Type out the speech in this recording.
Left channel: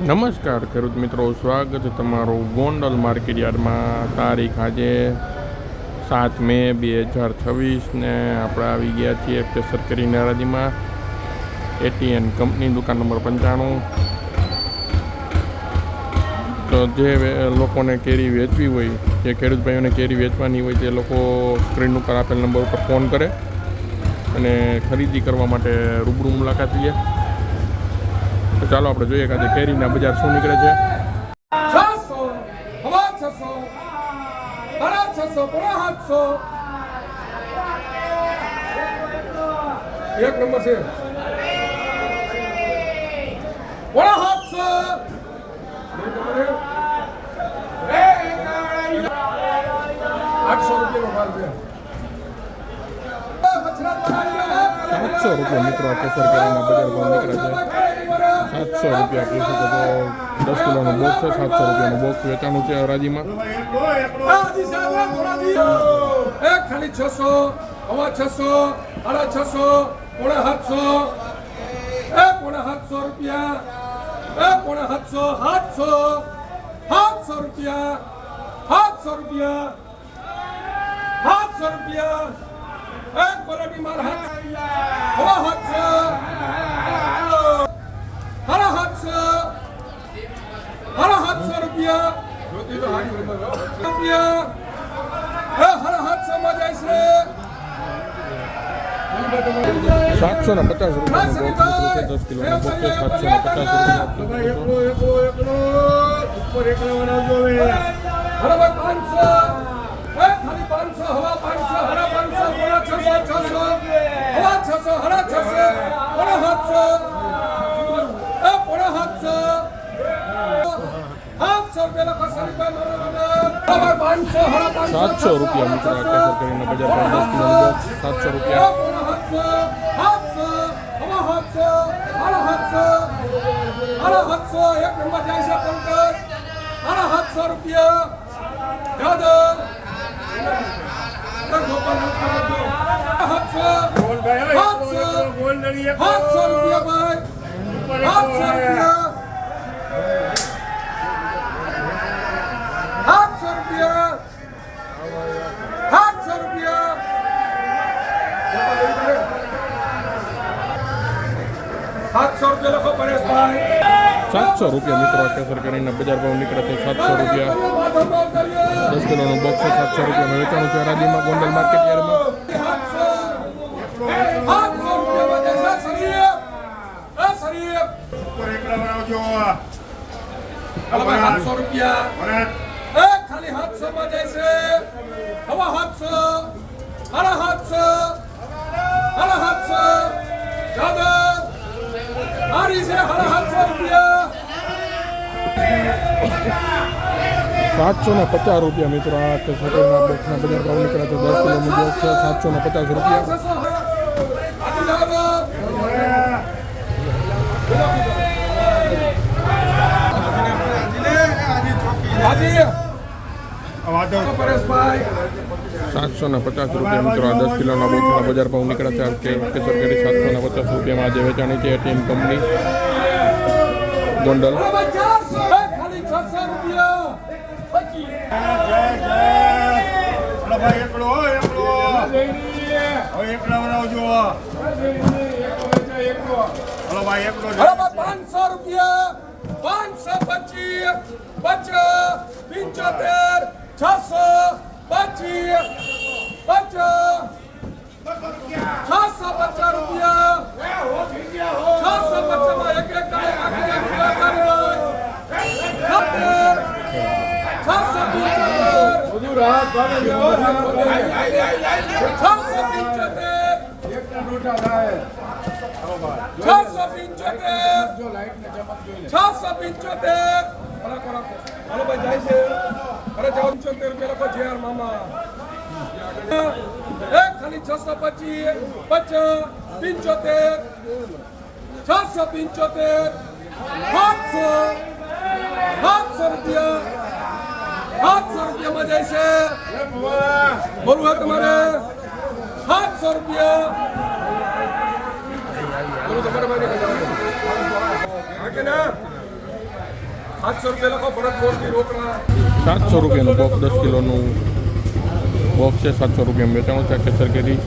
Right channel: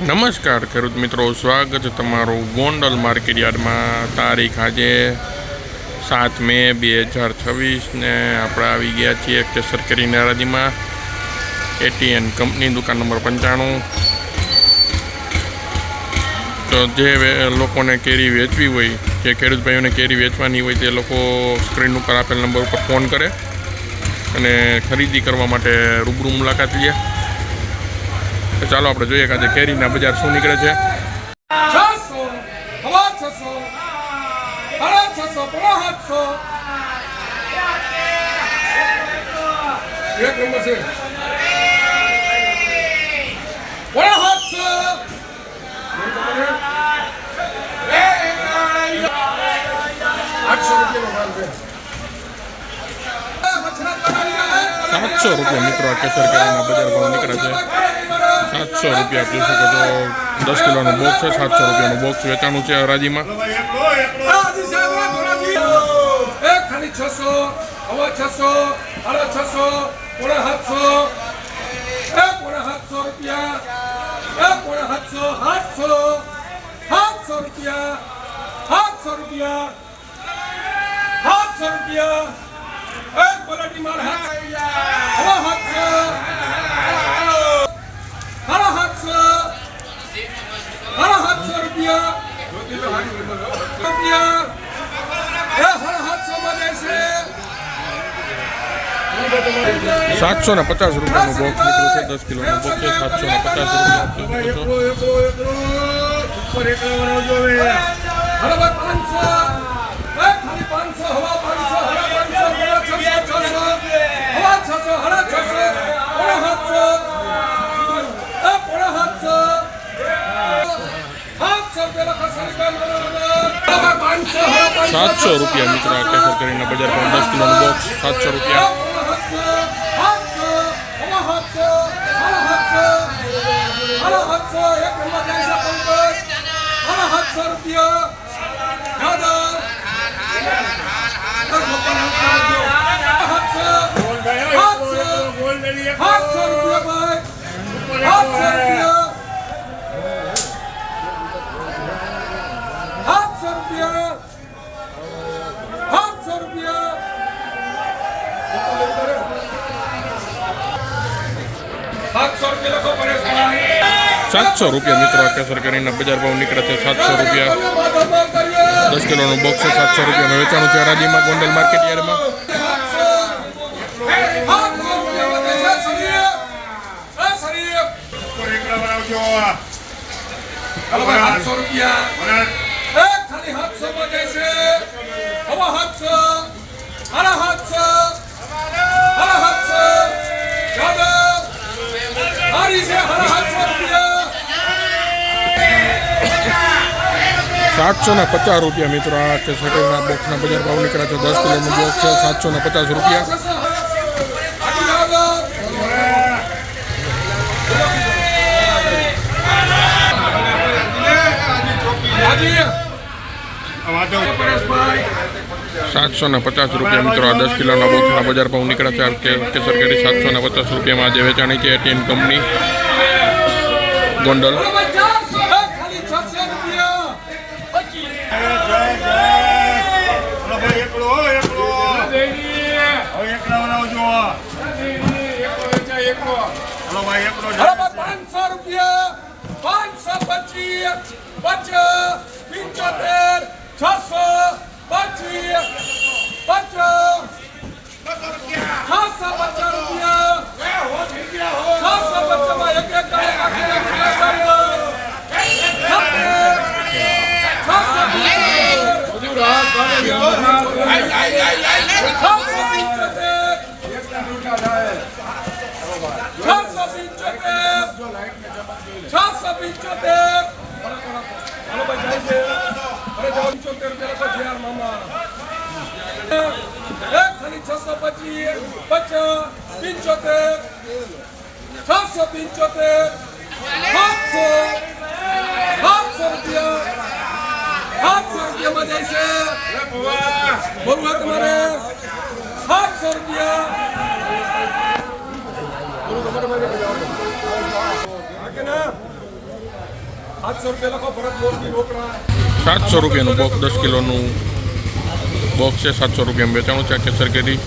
નમસ્કાર ખેડૂત મિત્રો, સ્વાગત છે તમારું ગોંડલ માર્કેટ યાર્ડમાં. તારીખ આજે 7 મે 2026 ને આપણે આવી ગયા છીએ કેસર કેરીની હરાજીમાં. એટીએન કંપની, દુકાન નંબર 95. તો જે લોકોને કેરી વેચવી હોય, જે ખેડૂત ભાઈઓને કેરી વેચવાની હોય, તે લોકો સ્ક્રીન ઉપર આપેલ નંબર ઉપર ફોન કરે અને ખરીદી કરવા માટે રૂબરૂ મુલાકાત લે. તો ચાલો આપણે જોઈએ કે આજે કેરીના બજાર શું નીકળે છે. 600, 600, 600, 700. એક નંબર છે 700 રૂપિયા મિત્રો આ કેસર કેરીના બજાર ભાવ નીકળે છે. 700 રૂપિયા આપી શકો છો. 10 કિલોનું બોક્સ છે. 700 રૂપિયાનું બોક્સ વેચાણું છે હરાજીમાં. ખાલી 600, 600, 600, 700, 700 રૂપિયા, 700, 700 રૂપિયા, 700 રૂપિયા, 700 રૂપિયા. એક ક્વોલિટી માલ 700, 700 રૂપિયા, 750 રૂપિયાનું બોક્સ નીકળ્યું છે. 10 કિલોનું બોક્સ છે. 700 રૂપિયા મિત્રો આ કેસર કેરીના બજાર ભાવ. 10 કિલોનું બોક્સ 700 રૂપિયા. 700 રૂપિયા મિત્રો આ કેસર કેરીના બજાર ભાવ નીકળે છે. 700 રૂપિયા 10 કિલોનું બોક્સ છે. 700 રૂપિયામાં વેચાણું છે હરાજીમાં ગોંડલ માર્કેટ યાર્ડમાં. 700 રૂપિયા, ખાલી 700 માં જાય છે. 700, 700, 750 રૂપિયા મિત્રો આ કેસર કેરીના બોક્સના બજાર ભાવ નીકળ્યા છે. 10 કિલોનું બોક્સ છે. 750 રૂપિયા. ₹750 મિત્રો આ 10 કિલોના બોક્સના બજાર ભાવ નીકળ્યા છે. કેસર કેરી 750 રૂપિયામાં આજે વેચાણી છે. ATN company, Gondal. ₹500, 525, 75, 625, 650 રૂપિયા, 650 માં એક દાડે રાખી દે. 675 હાલો ભાઈ જાય છે. અરે જાઓ 75 રૂપિયા લખો છે યાર મામા. ખાલી 625, 75, 675, 700 રૂપિયા, 700 રૂપિયામાં જાય છે. બોલવું હોય તમારે 700 રૂપિયા. બોલો તમારે ભાઈ કે જાઓ. હા કે ના 700 રૂપિયા લખો ભરત મોરબી રોકડા 700 રૂપિયાનું બોક્સ 10 કિલોનું બોક્સ છે. 700 રૂપિયામાં વેચાણું છે આ કેસર કેરી.